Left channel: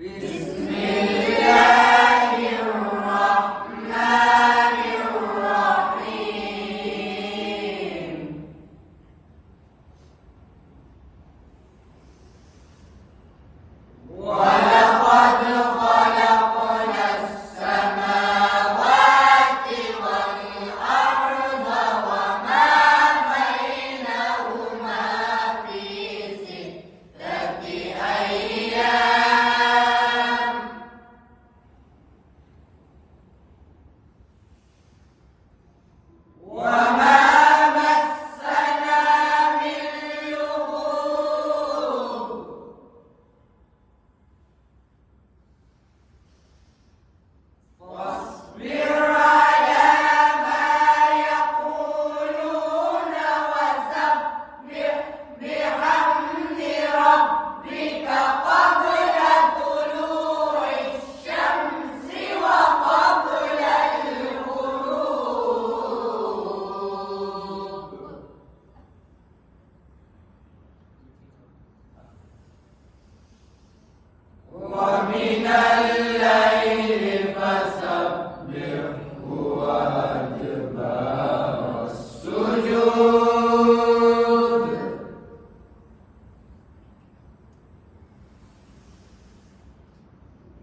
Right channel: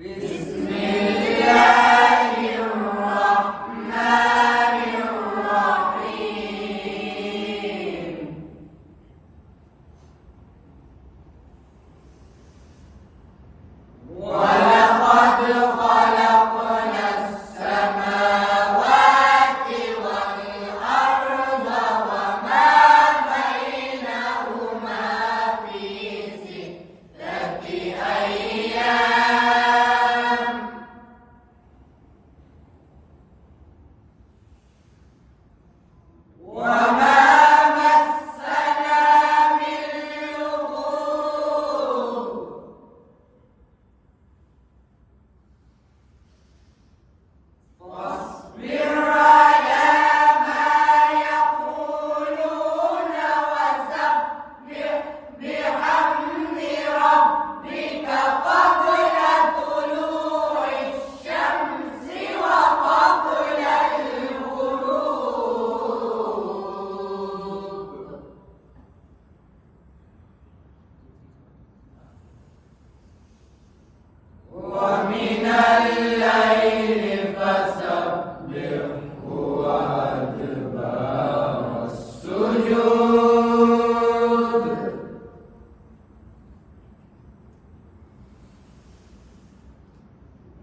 بسم الله الرحمن الرحيم. ولقد خلقنا السماوات والأرض وما بينهما في 6 أيام وما مسنا من لغوب فاصبر على ما يقولون وسبح بحمد ربك قبل طلوع الشمس وقبل الغروب ومن الليل فسبحه وأدبار السجود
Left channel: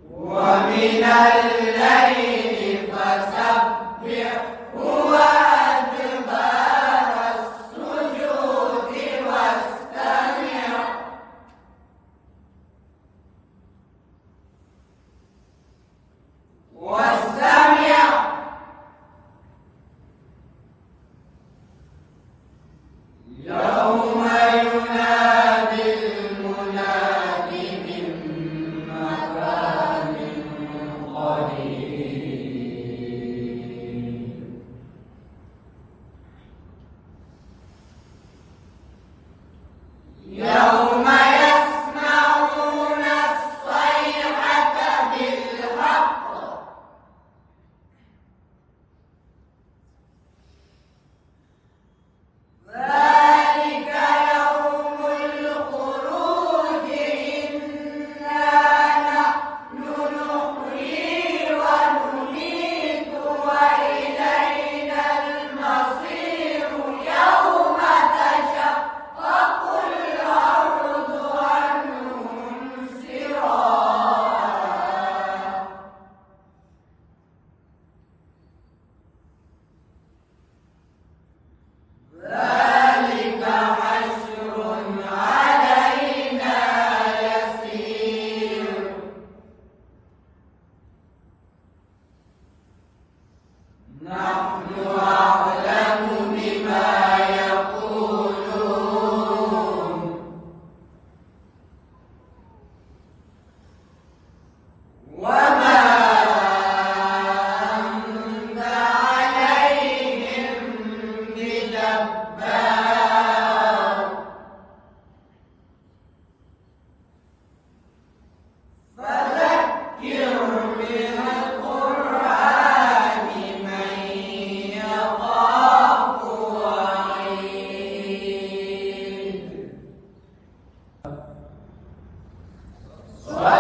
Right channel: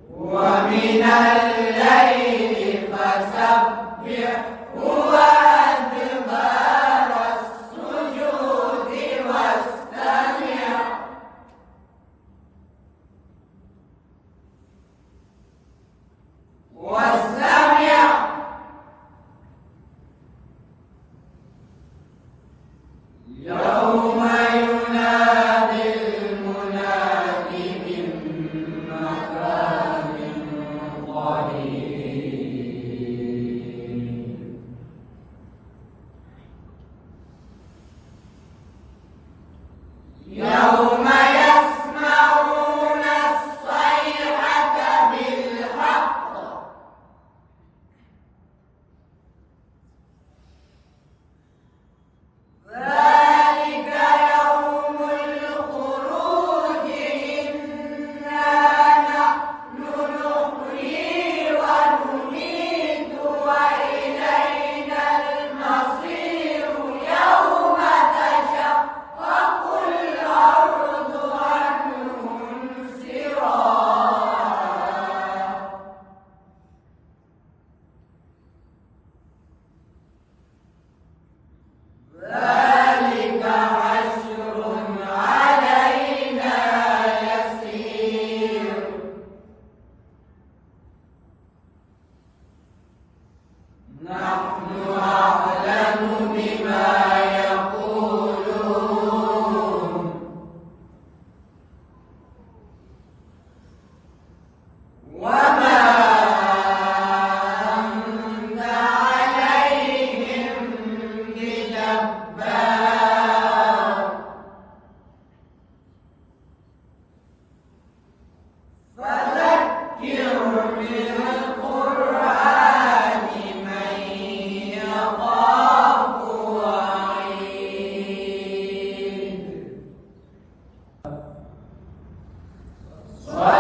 ومن الليل فسبحه وأدبار السجود واستمع يوم ينادي المناد من مكان قريب يوم يسمعون الصيحة بالحق ذلك يوم الخروج إنا نحن نحيي ونميت وإلينا المصير يوم تشقق الأرض عنهم سراعا ذلك حشر علينا يسير نحن أعلم بما يقولون وما أنت عليهم بجبار فذكر بالقرآن من يخاف وعيد